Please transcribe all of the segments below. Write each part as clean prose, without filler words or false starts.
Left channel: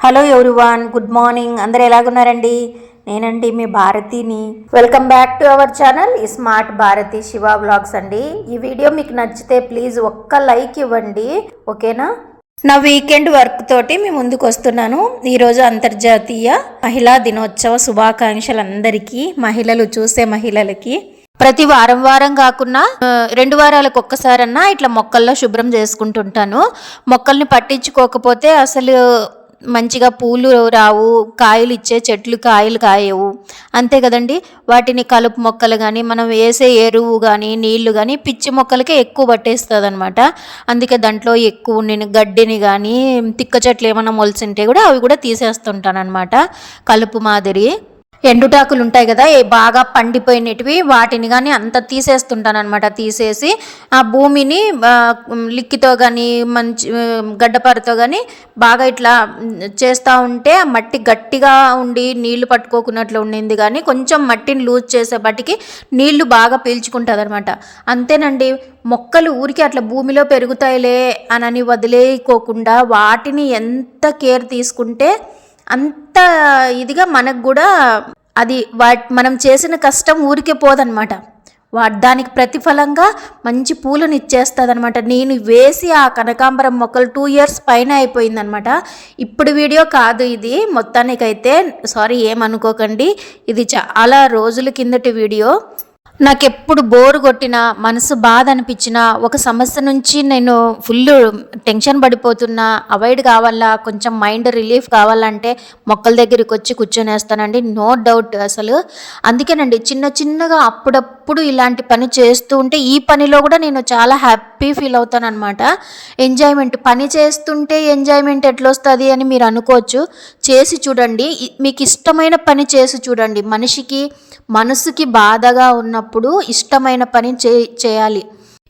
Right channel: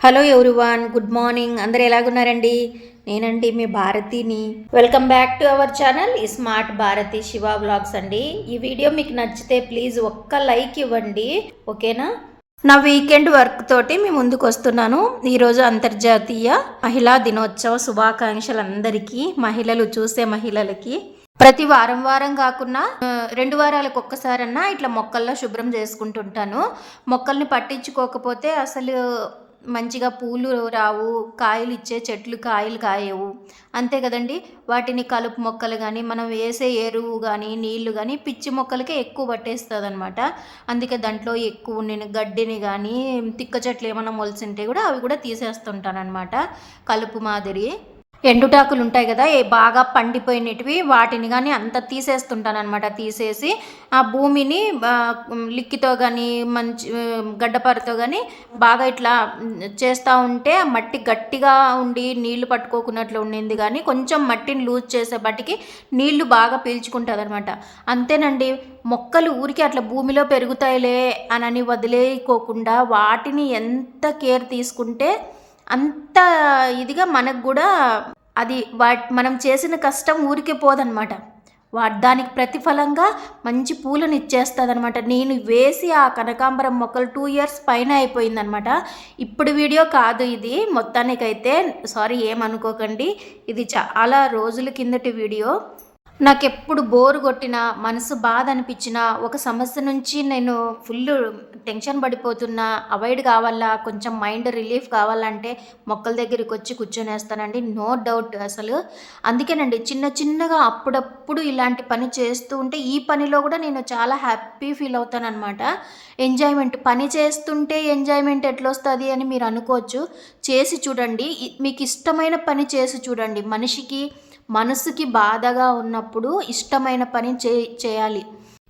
Hello everyone, good morning. అందరు ఎలాగున్నారండి? నేనండి మీ భారతిని. Welcome back to our channel smart Bharathi Siva blogs అండి. ఈ వీడియో మీకు నచ్చితే ప్లీజ్ ఒక్క లైక్ ఇవ్వండి, ఓకేనా? నా వీకెండ్ వర్క్ తోటి మీ ముందుకు వస్తున్నాను. ఈరోజు అంతర్జాతీయ మహిళా దినోత్సవ శుభాకాంక్షలు అందరికీ, మహిళలు చూసే మహిళలకి. ప్రతి వారం కాకుండా 2 వారాలకు ఒక్కసారన్నా ఇట్లా మొక్కల్లో శుభ్రం చేసుకుంటుంటాను. మొక్కల్ని పట్టించుకోకపోతే అసలు మంచిగా పూలు రావు, కాయలు ఇచ్చే చెట్లు కాయలు కాయవు, అంతే కదండి. వాటిని కలుపు మొక్కలు కానీ మనం వేసే ఎరువు కానీ నీళ్లు కానీ పిచ్చి మొక్కలకే ఎక్కువ పట్టేస్తుంది అనమాట. అందుకే దాంట్లో ఎక్కువ నేను గడ్డిని కానీ తిక్క చెట్లు ఏమైనా మొలిసింటే కూడా అవి కూడా తీసేస్తుంటాను అనమాట. కలుపు మాదిరి ఎండుటాకులు ఉంటాయి కదా, బాగా పండిపోయినవి వాటిని కానీ అంత తీసేస్తుంటాను అనమాట. తీసేసి ఆ భూమిని లిక్కితో కానీ మంచి గడ్డపారతో కానీ బాగా ఇట్లా చేస్తూ ఉంటే ఆ మట్టి గట్టిగా ఉండి నీళ్లు పట్టుకోకున్నట్లు ఉండింది, కానీ కొంచెం మట్టిని లూజ్ చేసేపటికి నీళ్లు బాగా పీల్చుకుంటుంది అనమాట. అంతేనండి. మొక్కలు ఊరికి అట్లా భూమిలో పెరుగుతాయిలే అని వదిలేయకోకుండా వాటిని ఎంత కేర్ తీసుకుంటే అంత ఇదిగా మనకు కూడా అది మనం చేసిన కష్టం ఊరికే పోదనమాట. దానికి ప్రతిఫలంగా మంచి పూలను ఇచ్చేస్తుంది అనమాట. నేను వేసి ఆ కనకాంబరం మొక్కలు 2 years పైన అయిపోయిందనమాట. ఇప్పుడు వీడియో కాదు ఇది, మొత్తానికైతే సారీ ఏమనుకోకండి, ఇది చాలా రోజుల కిందటి వీడియో. నాకెప్పుడు బోరు కొట్టినా, మనసు బాధ అనిపించినా, ఒక సమస్య నుంచి నేను ఫుల్ టెన్షన్ పడిపోతున్నా, అవాయిడ్ కావాలా, కొంచెం మైండ్ రిలీఫ్ కావాలంటే మొక్కల దగ్గరికి వచ్చి కూర్చొనేస్తానండి, నో డౌట్ అసలు. అందుకేనండి చిన్నగా అప్పుడప్పుడు ఇలాంటి పని చేస్తూ ఉంటే ఈ పనిలో కూడా నేను చాలా హ్యాపీ ఫీల్ అవుతాను అనమాట. ఎంజాయ్మెంట్, పని చేస్తుంటే ఎంజాయ్మెంట్ ఎట్లా వస్తుంది అని మీరు అనుకోవచ్చు. చేసి చూడండి, మీకు ఇష్టమైన పని చేసి చూడండి. మనసుకి బాధగా ఉన్నప్పుడు ఇష్టమైన పని చేయాలి.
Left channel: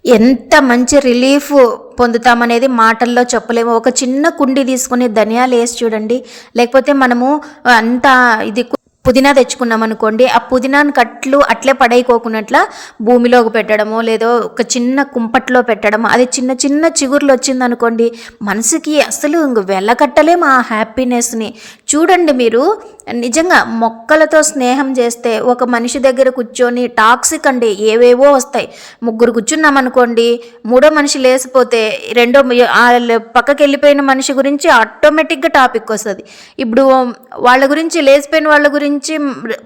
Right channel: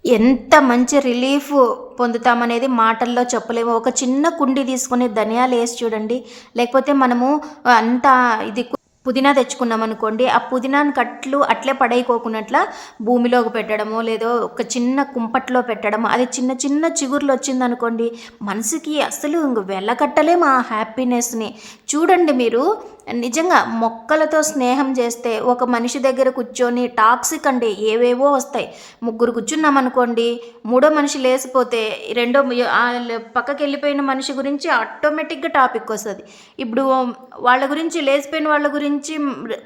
ఎంత మంచి రిలీఫ్ పొందుతామనేది మాటల్లో చెప్పలేము. ఒక చిన్న కుండి తీసుకొని ధనియాలు వేసి చూడండి, లేకపోతే మనము అంతా ఇది పుదీనా తెచ్చుకున్నాం అనుకోండి, ఆ పుదీనాను కట్లు అట్లే పడైపోకున్నట్ల భూమిలోకి పెట్టడము, లేదో ఒక చిన్న కుంపట్లో పెట్టడము, అది చిన్న చిగుర్లు వచ్చిందనుకోండి, మనసుకి అసలు వెళ్ళకట్టలేము ఆ హ్యాపీనెస్ని. చూడండి మీరు నిజంగా మొక్కలతో స్నేహం చేస్తే, ఒక మనిషి దగ్గర కూర్చొని టాక్సిక్ అండి ఏవేవో వస్తాయి. 3 కూర్చున్నాం అనుకోండి, 3వ మనిషి లేసిపోతే పక్కకి వెళ్ళిపోయిన మనిషి గురించి ఆటోమేటిక్గా టాపిక్ వస్తుంది. ఇప్పుడు వాళ్ళ గురించి, లేచిపోయిన వాళ్ళ గురించి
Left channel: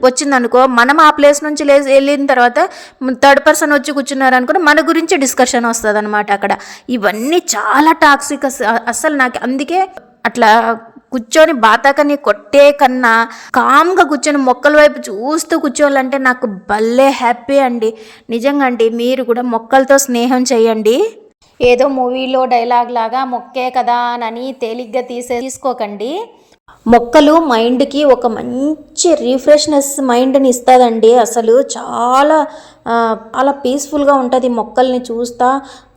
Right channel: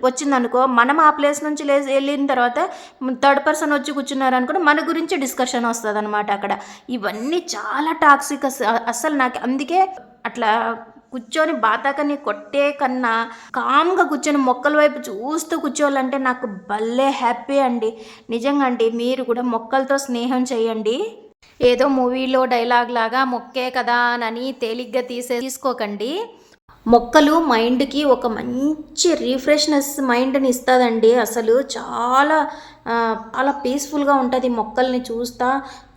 వచ్చిందనుకో, మనం ఆ ప్లేస్ నుంచి వెళ్ళిన తర్వాత 3rd person వచ్చి కూర్చున్నారనుకో, మన గురించి డిస్కషన్ వస్తుంది అనమాట అక్కడ. ఇవన్నీ చాలా టాక్సిక్ అసలు. నాకు అందుకే అట్లా కూర్చొని బాతాకని కొట్టే కన్నా కామ్గా కూర్చొని మొక్కల వైపు చూస్తూ కూర్చోవాలంటే నాకు భలే హ్యాపీ అండి. నిజంగా అండి, మీరు కూడా మొక్కలతో స్నేహం చేయండి. ఏదో మూవీలో డైలాగ్ లాగా మొక్కే కదా అని తేలిగ్గా తీసుకోకండి. మొక్కలు మైండ్కి ఒక మంచి రిఫ్రెష్నెస్ మైండ్ని ఇస్తుందండి. అసలు చాలా చాలా పీస్ఫుల్గా ఉంటుంది మొక్కల్ని చూస్తా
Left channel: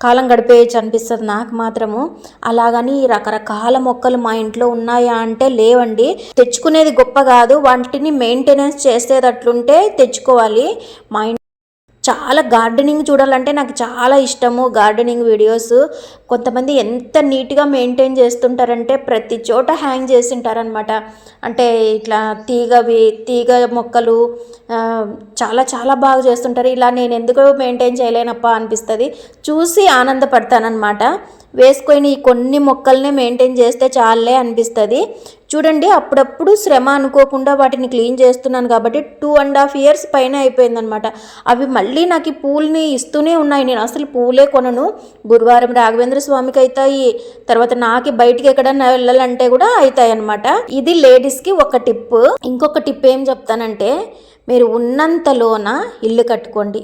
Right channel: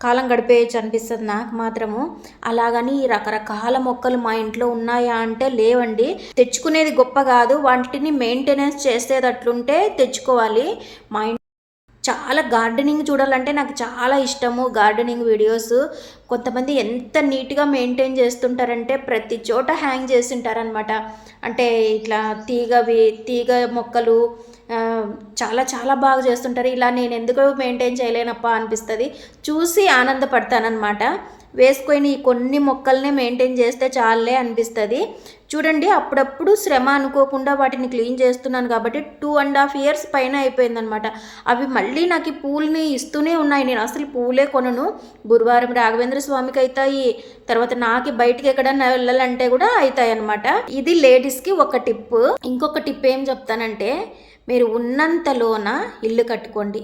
కాలం గడిపేయచ్చు అనిపిస్తుంది నాకు మాత్రము. అలాగని రకరకాల మొక్కలు మా ఇంట్లో ఉన్నాయా అంటే లేవండి. తెచ్చుకునేది గొప్ప కాదు, వాటిని మెయింటెనెన్స్ చేసేటట్లుంటే తెచ్చుకోవాలి. మా చాలా గార్డెనింగ్ చూడాలంటే నాకు చాలా ఇష్టము. గార్డెనింగ్ వీడియోస్ కొంతమంది ఎంత నీట్గా మెయింటైన్ చేస్తుంటారంటే ప్రతి చోట హ్యాంగ్ చేస్తుంటారనమాట. అంటే ఇట్లా తీగ మొక్కలు చాలా బాగా చేస్తుంటారు. ఇలా నేను ఎందుకు మెయింటైన్ చేయలేనప్పా అనిపిస్తుంది, చూసి ఆనందపడతానమాట. వేసుకొని కొన్ని మొక్కల్ని మెయింటైన్ చేస్తే చాలే అనిపిస్తుంది. చూడండి, అప్పుడప్పుడు శ్రమ అనుకోకుండా వాటిని క్లీన్ చేస్తున్నాను కాబట్టి 2.5 years పైన అయిపోయిందనమాట. అవి మళ్ళీ నాకు ఈ పూల్ని ఇస్తూనే ఉన్నాయి. నేను అసలు పూలే కొనను. గురువారం రాఘవేంద్ర స్వామికి అవుతాయి, తర్వాత నాకు బయటికి ఎక్కడన్నా వెళ్ళాలంటే కూడా అవుతాయి అనమాట. ఇది లేడీస్కి ఒక టిప్. ఇంకొక టిప్ ఏం చెప్తానంటే, మీరు ఉన్నంతలోన ఇల్లు కట్టుకోండి.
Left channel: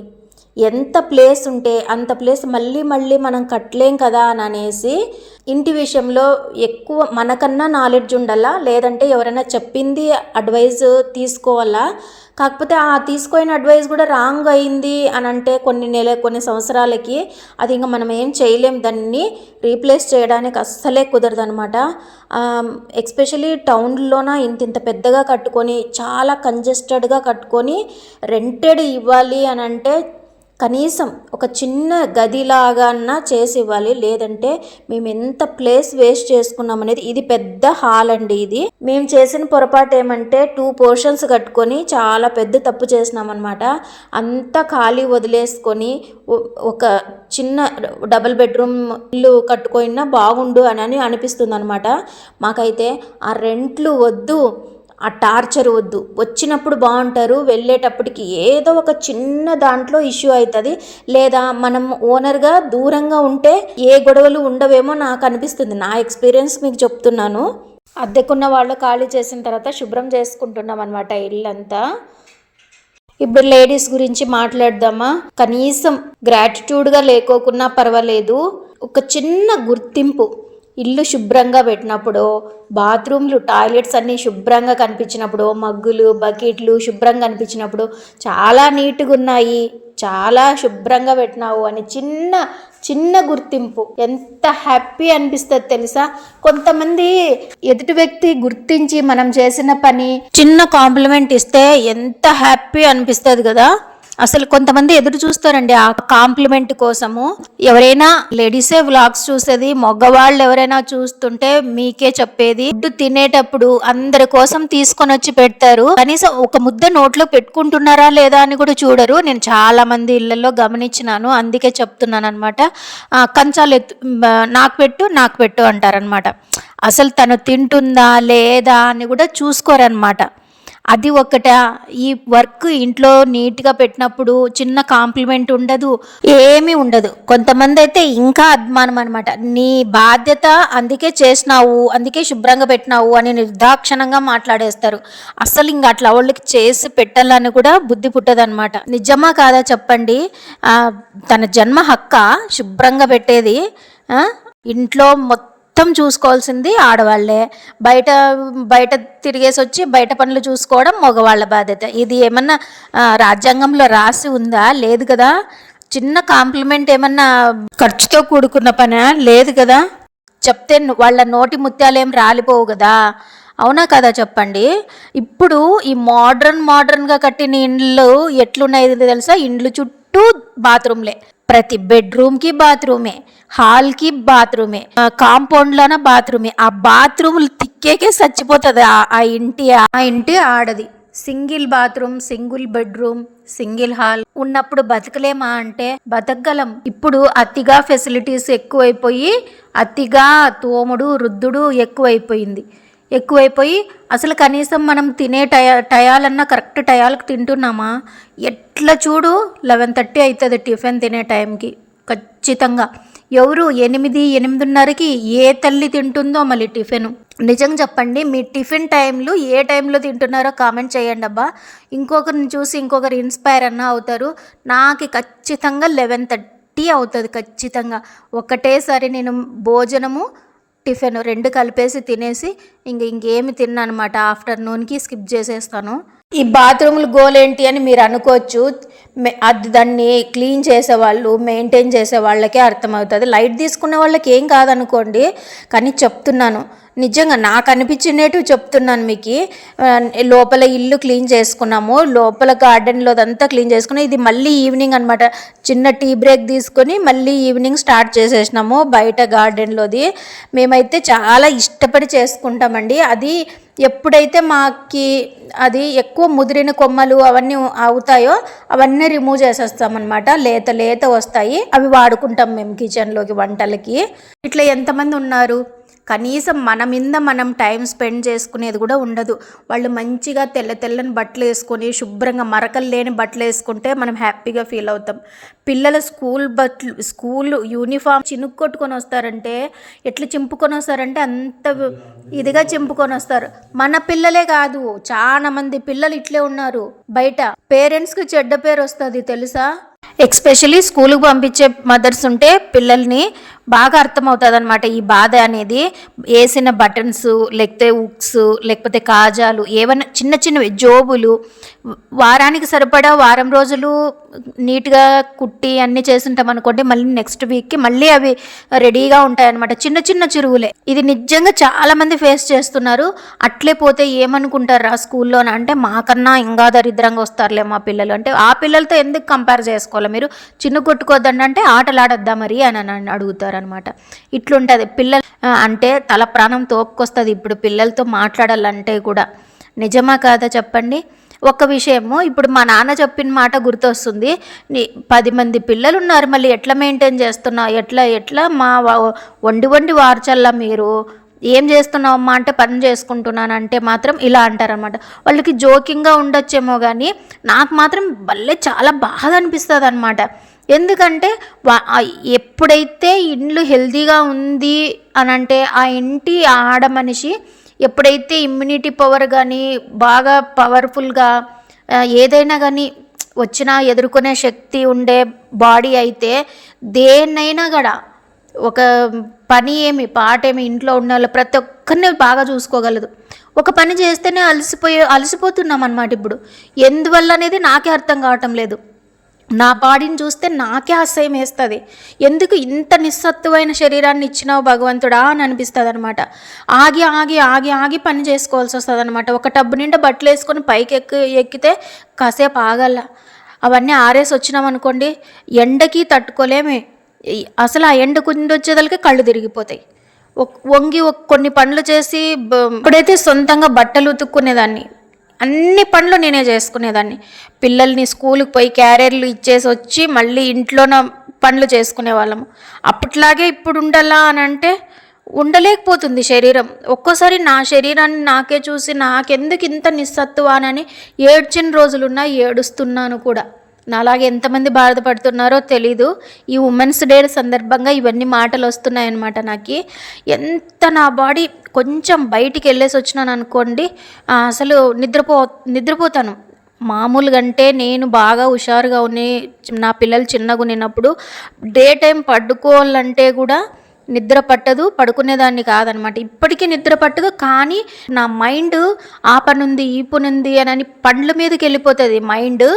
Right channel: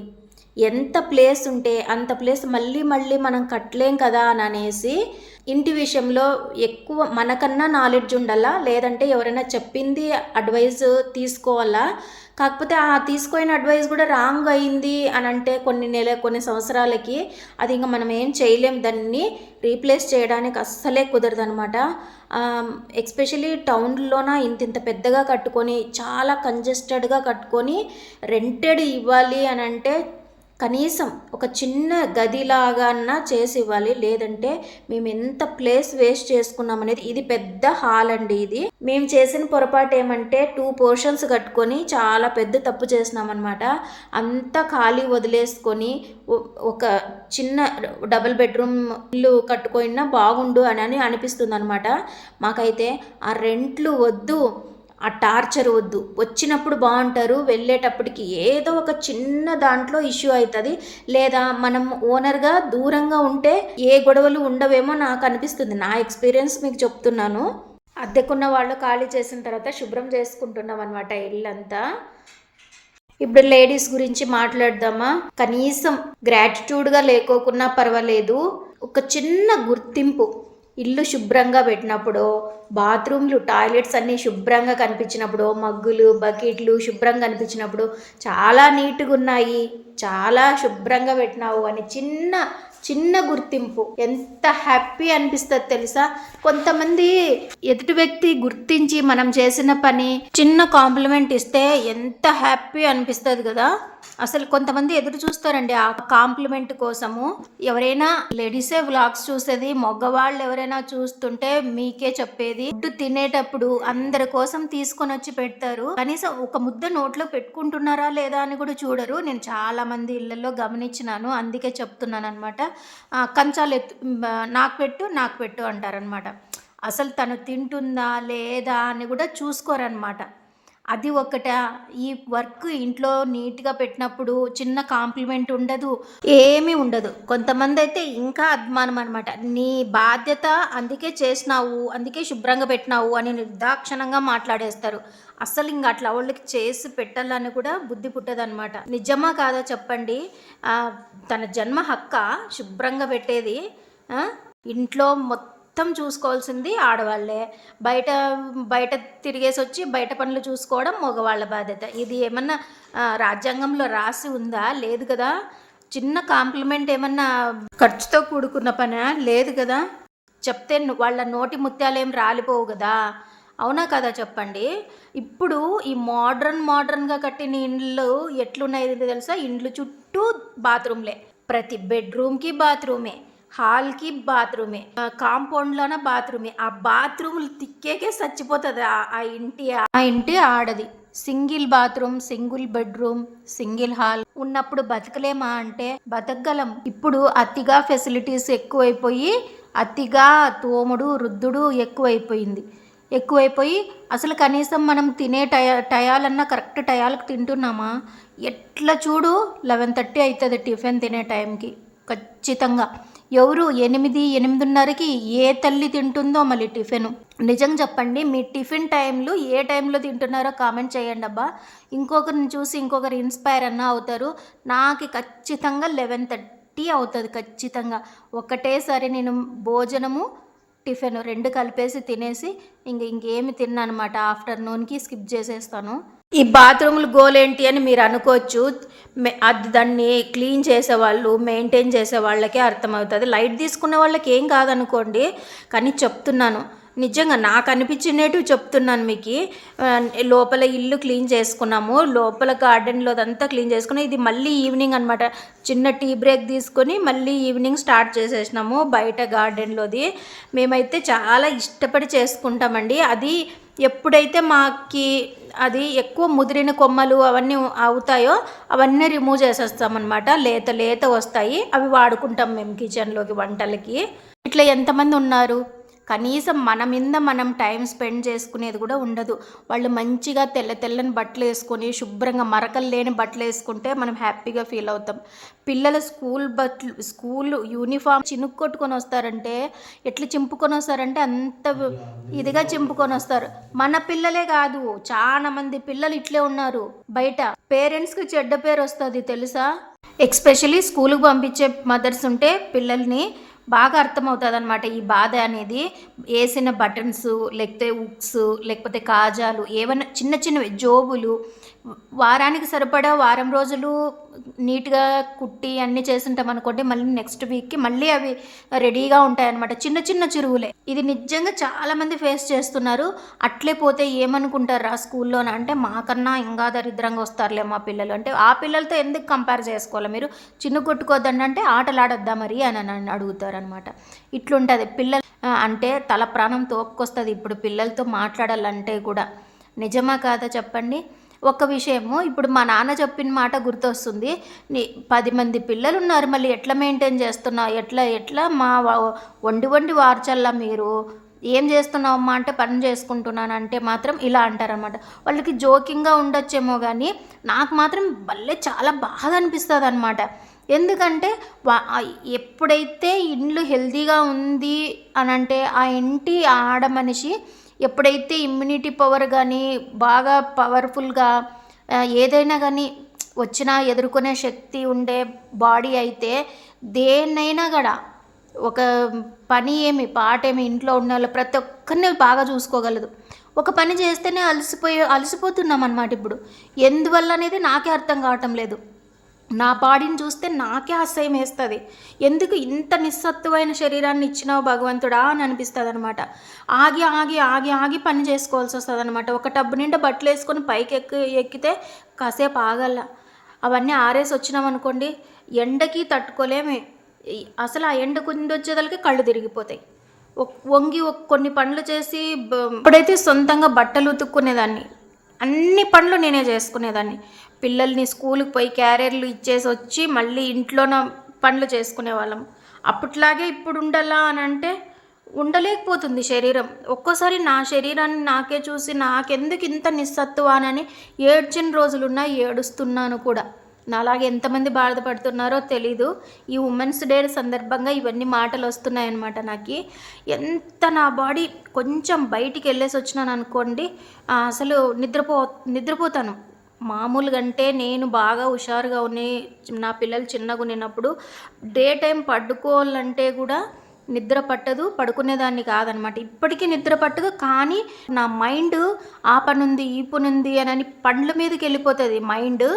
ఎంత ప్లేస్ ఉంటే అంత ప్లేస్ మళ్ళీ మనం కట్టలేం కదా అని అనేసి ఇంటి విషయంలో ఎక్కువ మనకన్నా నాలెడ్జ్ ఉండాలా, లేదంటే ఎవరైనా చెప్పింది అడ్వైజ్ తీసుకోవాలా. కాకపోతే ఆ తీసుకున్న అడ్వైస్ కూడా రాంగ్ అయింది అని అంటే కొన్ని సంవత్సరాలకి అది ఇంకా మనం ఏం చేయలేం, దాన్ని రీప్లేస్ చేయడానికి అస్సలే కుదరదు అనమాట. ఎస్పెషలీ టౌన్లోన ఇంత పెద్దగా కట్టుకొని చాలా కంజెస్టెడ్గా కట్టుకొని రెంటెడ్ ఇవ్వాలి అని అంటే కనీసం ఒక చిన్న గదిలాగా చేసి ఇవ్వాలి. లేదంటే మేము ఎంత ప్లేస్ వేస్ట్ చేసుకున్నాం అనేది. ఇది పెద్ద హాల్ అండి. ఇది మేము చేసిన పొరపాటు ఏమంటే 2 పోర్షన్స్ కట్టుకొని చాలా పెద్ద తప్పు చేసినాం అనమాట. అంతా ఖాళీ వదిలేసుకొని ఒక చిన్న డబుల్ బెడ్రూమ్ ఇల్లు కట్టుకున్నా బాగుండు అని అనిపిస్తుంది అనమాట. మాకైతే ఆ రెంట్లు వద్దు, ఆ టార్చర్ వద్దు. వచ్చినప్పుడు బాగుంటారు, వెళ్ళేటప్పటికి ఏదో ఒక చిన్న దాంట్లో ఇష్యూ అవుతుంది. లేదా మనం ఓనర్గా దూరంగా ఉంటే ఏ గొడవలు ఉండవేమో నాకు అనిపిస్తుంది. నా ఎక్స్పీరియన్స్ మీకు చెప్తున్నాను. అద్దెకున్న వాళ్ళు ఖాళీ చేసిన తర్వాత శుభ్రం చేసుకుంటున్నాం అనమాట ఇల్లంతా. ఇప్పుడు లేడీస్ గురించి మాట్లాడదామా. కనీసం గ్రాటిట్యూడ్గా లేకోకున్నా పర్వాలేదు, ఒక చిన్న గుర్తింపు. ఇల్లు శుభ్రంగా పెట్టినప్పుడు, బాత్రూమ్లు టాయిలెట్స్ అన్నీ శుభ్రంగా కనిపించినప్పుడు, మగ్గులు బకెట్లు శుభ్రంగా కనిపించినప్పుడు, చాలా నీట్గా ఉన్నాయి, చాలా శుభ్రంగా పెట్టినావు అని చిన్న చిన్న గుర్తింపు ఎంత హ్యాపీ అనిపిస్తుంది తెలుసా. కొంతమంది ఎదుటి వ్యక్తి గుర్తించి మనం చేసిన పని చిన్న కాంప్లిమెంట్ ఇస్తే ఎంత హ్యాపీ అనిపిస్తుంది కదా. అసలు కొంతమంది ఎదురు చూస్తారండి ఆ కాంప్లిమెంట్ కోసము. ఎవరైనా లేడీసే వ్లాగ్స్ చూసేది, మగవాళ్ళు ఎవరైనా చూస్తుంటే మీకే చెప్పేది, ఫుడ్ తినేటప్పుడు అందరి కోసం తీసుకొని వచ్చి పెడతారు, కనీసం ఒక ముద్ద నోట్లో పెట్టుకుంటున్నారా లేదా అని కూడా చూడరు. నేను చాలా మంది ఇళ్లలో గమనించినాను, అందుకే చెప్తున్నాను అనమాట. కంచాలు నాకు పెట్టు అంటారనమాట. అసలు తను తింటుందా లేదా అని కూడా చూసుకోరనమాట. అది ఒకట. ఈ వర్క్ ఇంట్లో నీట్గా పెట్టినప్పుడు చిన్న కాంప్లిమెంట్ ఉండదు, ఏమీ ఉండదు. కొంతమంది అయితే ఇంకా అభిమానం అనమాట. నీ బాధ్యత, అందుకే చేసినావు, అందుకే శుభ్రంగా పెట్టినావు అని నిర్దాక్షణంగా మాట్లాడేస్తారు. అసలు ఇంక అట్లా వాళ్ళకి చేసి పెట్టాలని కూడా బుద్ధి పుట్టదనమాట. నిజమా కాదా చెప్పండి. తన జన్మ హక్క శుభ్రంగా పెట్టేది. ఇంట్లో మొత్తం చూసుకోవాల్సింది ఆడవాళ్లే. బయట తిరిగేసి వచ్చి బయట పనులు చూసుకోవడం మగవాళ్ళ బాధ్యత. ఇది ఏమన్నా రాజ్యాంగంలో రాసి ఉందా? లేదు కదా. చిన్న కాంప్లిమెంట్ ఏమన్నా ఖర్చుతో కూడుకున్న పనా? లేదు కదా. చెప్తే వాళ్ళ నోటి ముత్యాలేం రాలిపోవు కదా. అవునా కదా చెప్పండి. ఇప్పుడు ఈ మోడ్రన్గా కట్టిన ఇండ్లు ఎట్లున్నాయి తెలుసా. ఇండ్లు చుట్టూ బాత్రూమ్లే, ప్రతి బెడ్రూమ్కి బాత్రూమే, హాల్కి బాత్రూమే, కాంపౌండ్లోన బాత్రూమే. ఆ బాత్రూములు తిక్కేకే చచ్చిపోతుంది ఆ ఇంటి ఆడది. Single bathroom, single bedroom, single hall ఉన్నప్పుడు బతకలేమా అంటే బతకగలం. ఇప్పుడు అతిగా ఫెసిలిటీస్ ఎక్కువైపోయి, అతిగా తోముడు రుద్దుడు ఎక్కువైపోయి అసలు కనీసం మనం తినే టయాలన్నా కరెక్ట్ టయాలకు తింటున్నామా? ఎట్లా చూడు 11:30 అవుతుంది టిఫిన్ తినే టైంకి ఖచ్చితంగా. ఎవరు 8:30కి ఏ తల్లి తింటుందో మళ్ళీ టిఫిన్. నిజంగా చెప్పండి, మీ టిఫిన్ టైంలు ఏ టైంలో తింటున్నారో కామెంట్ చేయండి అబ్బా. ఇంకొకరిని చూసి ఇంకొకరు ఇన్స్పైర్ అన్నా అవుతారు. నాకు ఖచ్చితంగా 11:30 అవుతుంది ఖచ్చితంగా. ఒకటేసారి నేను భోజనము టిఫిన్ 2 కలిపేసి తినేసి ఇంకేమి తిన్నానమాట. ఆఫ్టర్నూన్కి స్కిప్ చేసేస్తాను. ఈ బాత్రూములు గోలేంటి అని మీరు అనుకోవచ్చు. దాన్ని క్లీన్ చేసేవాళ్ళు, మెయింటైన్ చేసే వాళ్ళకే అర్థమవుతుంది. లైట్ తీసుకునే వాళ్ళకి ఏం కాదనుకోండి, కానీ చెప్తున్నాను నిజంగా నాకు అనిపించినట్టు చెప్తున్నాను మీకు. లోపల ఇల్లు క్లీన్ చేసుకున్నాము, లోపల గార్డెన్లో అదంతా క్లీన్ చేసుకున్నాం. ఇది మళ్ళీ ఈవినింగ్ అనమాట. చిన్న టీ బ్రేక్ తీసుకొని మళ్ళీ ఈవినింగ్ స్టార్ట్ చేసేసినాము బయట గార్డెన్లోది. మేమైతే చాలా ఇష్టపడి చేసుకుంటామండి. అది ఎప్పుడైతే మాకి అది ఎక్కువ ముదిరిన కొమ్మలు అవన్నీ అవుతాయో అవన్నీ రిమూవ్ చేసేస్తామన్నమాట. లేత వస్తాయి, అవి వాడుకుంటాం మేము కిచెన్లోకి, వంటలకి. ఇట్లా ఎంతమంది ఉన్నారు. కనీసం మన మీద మనం టైం స్పెండ్ చేసుకునేది కూడా ఉండదు. వాళ్ళు మంచిగా తెల్లని బట్టలు వేసుకొని శుభ్రంగా మరకలు లేని బట్టలు వేసుకుంటే మనం హ్యాపీగా ఫీల్ అవుతాం. పిల్లల స్కూల్ యూనిఫామ్ చినుక్కొట్టుకొని వస్తారంటే ఎట్లా చింపుకొని వస్తారంటే అంత ఇదిగా చింపుకొని వస్తారు. మన పిల్లలే కాదు, చాలా మంది పిల్లలు ఇట్లే ఉన్నారు. బయట పేరెంట్స్కి చెడ్డ పేరు వస్తుంది తెలుసా. ఎస్పెషలీ స్కూల్కి పంపించే మదర్స్ ఉంటే పిల్లల్ని బాగా అర్థమవుతుంది అనమాట ఈ బాధ అనేది. వేసిన బటన్స్, లేకపోతే ఉక్స్, లేకపోతే కాజాలు, ఏవైనా చిన్న చిన్నవి జోబులు వారానికి సరిపడా వారం రోజులు నీట్గా కుట్టి అన్నీ చేస్తుంటాం అనుకోండి, మళ్ళీ నెక్స్ట్ వీక్కి మళ్ళీ అవి రెడీగా ఉంటాయన్నమాట. చిన్న చిన్న చిరువులే. ఇది నిజంగా చాలామంది ఫేస్ చేస్తున్నారు. అట్లే పోతే ఏమనుకుంటారా స్కూల్లోన అంటే, మాకన్నా ఇంకా దరిద్రంగా వస్తారులే మా పిల్లలు అంటే, ఆ పిల్లలతో ఎందుకు కంపేర్ చేసుకోవాలి మీరు? చిన్న కొట్టుకోవద్దండి అంటే ఆటలాడొద్దా మరి అని అడుగుతారనమాట. ఇట్లుంటుంది పిల్లలు అంటే తల ప్రాణం తోపుకొస్తుంది ఇప్పుడు పిల్లలతో మాట్లాడాలంటే కూడా. నిజమా కాదా చెప్పండి? ఒక విషయము ఇప్పుడు మా నాన్న చెప్పిన మాట గుర్తొస్తుంది. 10 మంది పిల్లలు ఉన్నారు, మళ్ళీ ఎట్లా మెయింటైన్ చేస్తున్నావు, ఎట్లా మా వండి వార్చల్లా మీరు ఏం చేస్తున్నావమ్మా అంటే పని చేసుకుంటున్నానంటే మాత్రం ఇలా అంటారనమాట. వాళ్ళకి జోకింగ్గా ఉండొచ్చేమో కానీ నాకు మాత్రం భలే చాలా బాధ అనిపిస్తుంది అనమాట. ఎందుకంటే ఎప్పుడైతే ఇండ్లు హెల్తీగా ఉంది అని అంటే ఆ ఇంటి ఆడ మనిషి ఎప్పుడైతే ఇమ్యూనిటీ పవర్ కానీ బాగా పవర్ఫుల్గా ఏదైనా కానీ వచ్చినా ఎదుర్కొనే శక్తి ఉండే బాడీ అయితే దేన్నైనా కూడా ఒక పని ఏమి పాటేమి ఇంట్లో ఉన్న వాళ్ళు ప్రతి ఒక్కరిని బాగా చూసుకోగలదు. ఒక పని చేస్తేనే అలసిపోతున్నాం అన్నమాట. ఇప్పుడు ఎందువల్ల అనేది నాకే అర్థం కావటం లేదు. నా బాడీని చూస్తే నాకే అసహ్యం వేస్తుంది. ఎందుకు ఇంత నిస్సత్తువైన శరీరాన్ని ఇచ్చినావు భగవంతుడా అని అనిపిస్తుంది అనమాట. ఆగి ఆగి ఆగి ఆగి పని చేసుకోవాల్సి వస్తుంది అనమాట. ఒక టబ్బు నిండా బట్టలు వేసుకొని పైకి ఎక్కితే కాసేపు ఆగల, అవన్నీ ఆరేసి వచ్చినాం అనుకోండి ఎండకి తట్టుకోలేమే. అసలు ఆ ఎండ కుందొచ్చేదలకి కళ్ళు తిరిగిపోతాయి. వంగి కొన్ని పనులు చేసి ఇప్పుడైతే సొంతంగా బట్టలు ఉతుక్కునేదాన్ని, అన్ని పనులు నేనే చేసుకునేదాన్ని. పిల్లల్ని స్కూల్కి పోయి క్యారియర్లు ఇచ్చేసి వచ్చి మళ్ళీ ఇంట్లోన పనులు చేసుకునే వాళ్ళము. అప్పట్లాగే ఇప్పుడు ఉండాలా అని అంటే ఉండలేకపోతుంది శరీరం. ఒక్కోసారి నా శరీరాన్ని నాకే చూసి నాకెందుకు ఇంత నిస్సత్తువానని ఏడ్చిన రోజులున్నా, ఏడుస్తున్నాను కూడా. నాలాగే ఎంతమంది బాధపడుతున్నారో తెలీదు. ఈ ఉమెన్స్ డే సందర్భంగా ఇవన్నీ మాటలు వస్తున్నాయన్నమాట. నాకు ఎంత నా బాడీ కొంచెం బయటికి వెళ్ళేసి వచ్చినాను అనుకోండి అసలు నిద్రపోతాను. మామూలుగా అంటే నేను బాగా హుషారుగా నా పిల్లలు చిన్నగా ఉన్నప్పుడు డే టైం పడుకోవాలంటే కూడా నిద్ర పట్టదు, పడుకునేదాన్ని కాదనమాట. ఇప్పటికీ నిద్ర పట్టదు, కానీ నా మైండ్ ఆ పనుంది ఈ పనుంది అని పండ్ల మీదకి వెళ్ళిపోతుంది మైండ్.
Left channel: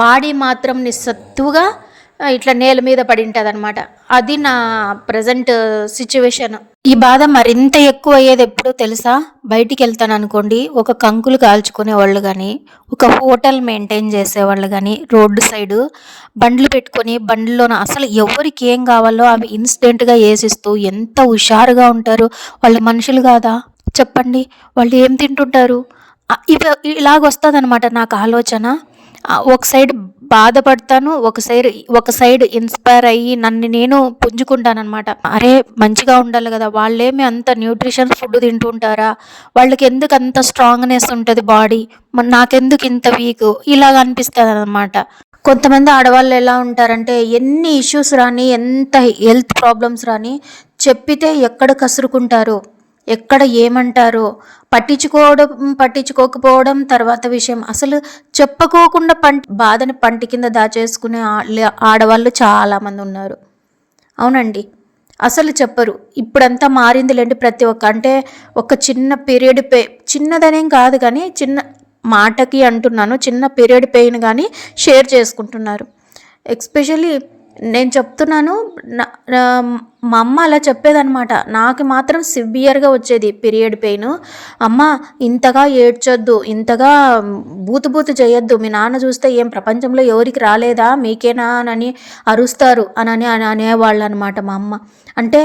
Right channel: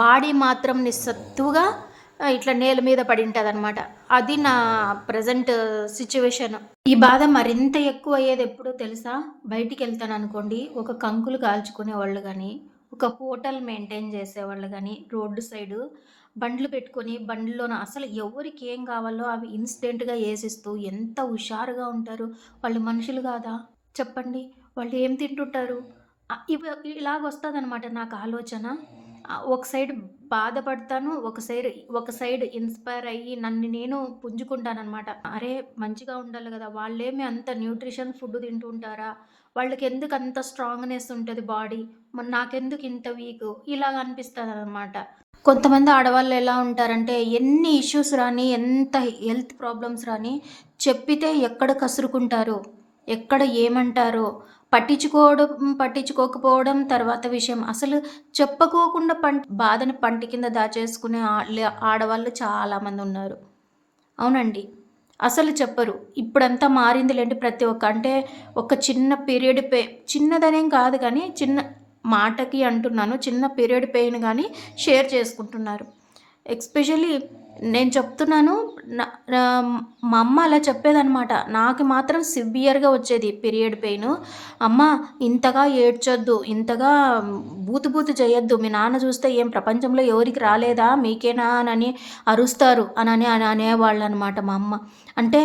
బాడీ మాత్రం నిస్సత్తుగా ఇట్లా నేల మీద పడి ఉంటుంది అనమాట. అది నా ప్రజెంట్ సిచ్యువేషన్. ఈ బాధ మరింత ఎక్కువ అయ్యేది ఎప్పుడో తెలుసా? బయటికి వెళ్తాను అనుకోండి, ఒక కంకులు కాల్చుకునే వాళ్ళు కానీ, ఒక హోటల్ మెయింటైన్ చేసేవాళ్ళు కానీ, రోడ్డు సైడు బండ్లు పెట్టుకొని బండ్లోన అసలు ఎవరికి ఏం కావాలో అవి ఇన్స్టెంట్గా వేసిస్తూ ఎంత హుషారుగా ఉంటారు. వాళ్ళు మనుషులు కాదా చెప్పండి? వాళ్ళు ఏం తింటుంటారు? ఇలాగొస్తుంది అనమాట నాకు ఆలోచన. ఒక సైడ్ బాధపడతాను, ఒక సైడ్ ఇన్స్పైర్ అయ్యి నన్ను నేను పుంజుకుంటానమాట. అరే మంచిగా ఉండాలి కదా, వాళ్ళేమి అంత న్యూట్రిషన్ ఫుడ్ తింటుంటారా, వాళ్ళకి ఎందుకు అంత స్ట్రాంగ్నెస్ ఉంటుంది బాడీ, నాకెందుకు ఇంత వీక్, ఇలాగ అనిపిస్తుంది అనమాట. కొంతమంది ఆడవాళ్ళు ఎలా ఉంటారంటే ఎన్ని ఇష్యూస్ రాని, ఎంత హెల్త్ ప్రాబ్లమ్స్ రాని చెప్పితే ఎక్కడ కసురుకుంటారో, ఎక్కడ ఏమంటారో పట్టించుకోకపోవడం తర్వాత విషయం. అసలు చెప్పుకోకుండా బాధని పంటి కింద దాచేసుకునే ఆడవాళ్ళు చాలామంది ఉన్నారు. అవునండి, అసలు చెప్పరు. ఇప్పుడంతా మారిందిలేండి. ప్రతి ఒక్క అంటే ఒక చిన్న పీరియడ్ చిన్నదనేం కాదు కానీ చిన్న మాటకి అంటున్నాను, చిన్న పీరియడ్ పెయిన్ కానీ షేర్ చేసుకుంటున్నారు. ఎస్పెషల్లీ నేను చెప్తున్నాను, మా అమ్మ అలా చెప్పేదనమాట. నాకు మాత్రం సివియర్గా వచ్చేది పీరియడ్ పెయిన్. అమ్మ ఇంతగా ఏడ్చొద్దు, ఇంతగా బూతు చేయొద్దు, మీ నాన్న చూస్తే ఏం ప్రపంచంలో ఎవరికి రాలేదా, మీకేనా అని అరుస్తారు అని అనేవాళ్ళు అనమాట మా అమ్మ. అంటే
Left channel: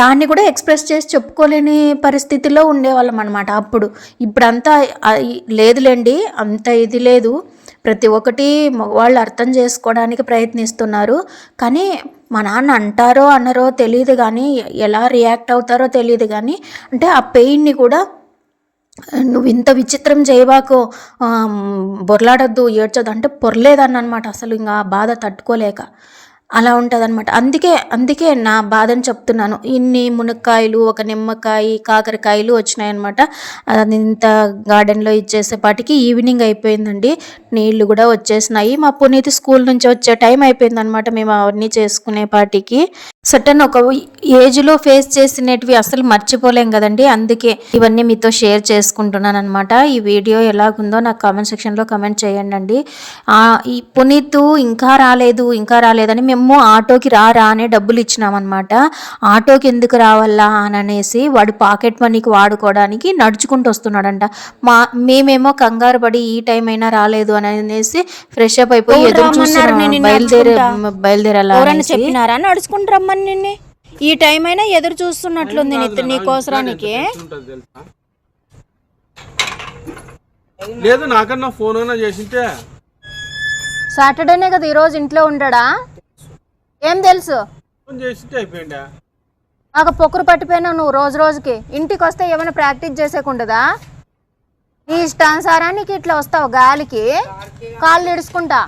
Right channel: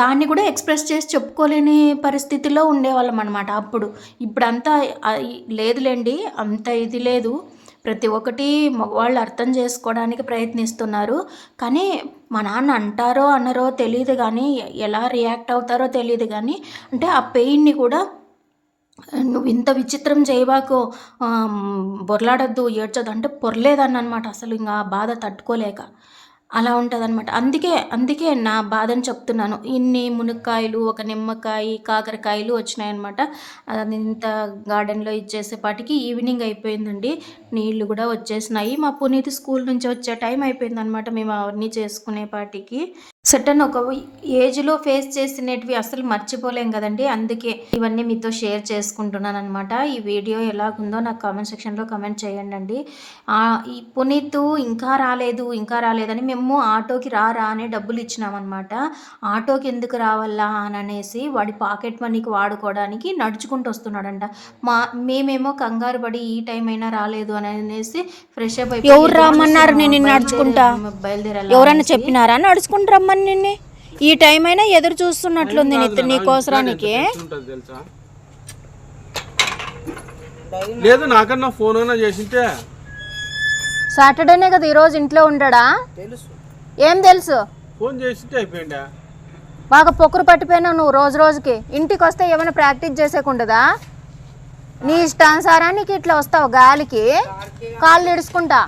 దాన్ని కూడా ఎక్స్ప్రెస్ చేసి చెప్పుకోలేని పరిస్థితిలో ఉండేవాళ్ళం అనమాట అప్పుడు. ఇప్పుడంతా లేదులేండి, అంత ఇది లేదు. ప్రతి ఒక్కటి మగవాళ్ళు అర్థం చేసుకోవడానికి ప్రయత్నిస్తున్నారు. కానీ మా నాన్న అంటారో అన్నారో తెలియదు, కానీ ఎలా రియాక్ట్ అవుతారో తెలియదు. కానీ అంటే ఆ పెయిన్ని కూడా నువ్వు ఇంత విచిత్రం చేయబాకు, బొర్లాడద్దు, ఏడ్చొద్దు అంటే పొరలేదన్న అనమాట. అసలు ఇంకా బాధ తట్టుకోలేక అలా ఉంటుంది అనమాట. అందుకే నా బాధని చెప్తున్నాను. ఇన్ని మునక్కాయలు, ఒక నిమ్మకాయ, కాకరకాయలు వచ్చినాయన్నమాట. అది ఇంత గార్డెన్లో ఇచ్చేసేపాటికి ఈవినింగ్ అయిపోయిందండి. నీళ్లు కూడా వచ్చేసినాయి. మా పునీతి స్కూల్ నుంచి వచ్చే టైం అయిపోయిందనమాట మేము అవన్నీ చేసుకునేపాటికి. సటన్ ఒక ఏజ్లో ఫేస్ చేసినవి అసలు మర్చిపోలేం కదండి. అందుకే ఇవన్నీ మీతో షేర్ చేసుకుంటున్నాను అనమాట. ఈ వీడియో ఎలాగుందో నాకు కామెంట్ సెక్షన్లో కామెంట్ చేయండి అండి. ఈ పునీత్ ఇంకా రాలేదని మేము ఆటోకి రా అనే డబ్బులు ఇచ్చినామన్నమాట. ఆటోకి ఎందుకు రావాలా అని అనేసి వాడు పాకెట్ మనీకి వాడుకోవడానికి నడుచుకుంటూ వస్తున్నాడంట. మేమేమో కంగారు పడి ఈ టైం అయినా రాలేదు అని అనేసి ఫ్రెష్ అప్ అయిపోయి బయలుదేరాలి. ఎవరన్నా చెప్పినారా నడుచుకుంటూ రమ్మని నిన్ను? ఈ టైం అయినా ఎదురు చూస్తున్నట్లుంది నీ కోసరానికి. లేదు నాకన్నా ఫోన్ అయినా చేసింటే. సాటర్డేనే కదా ఈరోజు ఇంట్లో ఉండడా? ఏం తెలుసు? ఫోన్ చేసింటే అయిపోయిందా? బాగా పొక్కురు పట్టిపోయినావు నువ్వు రోజుకి. ఇంటికి వస్తే ఏమైనా ప్రాక్టీస్ చేసేకుండదా? నీ ఇష్టానుసారానికి ఇట్లా వస్తావు గాలికి కాళ్ళు ఇడుచుకుంటా.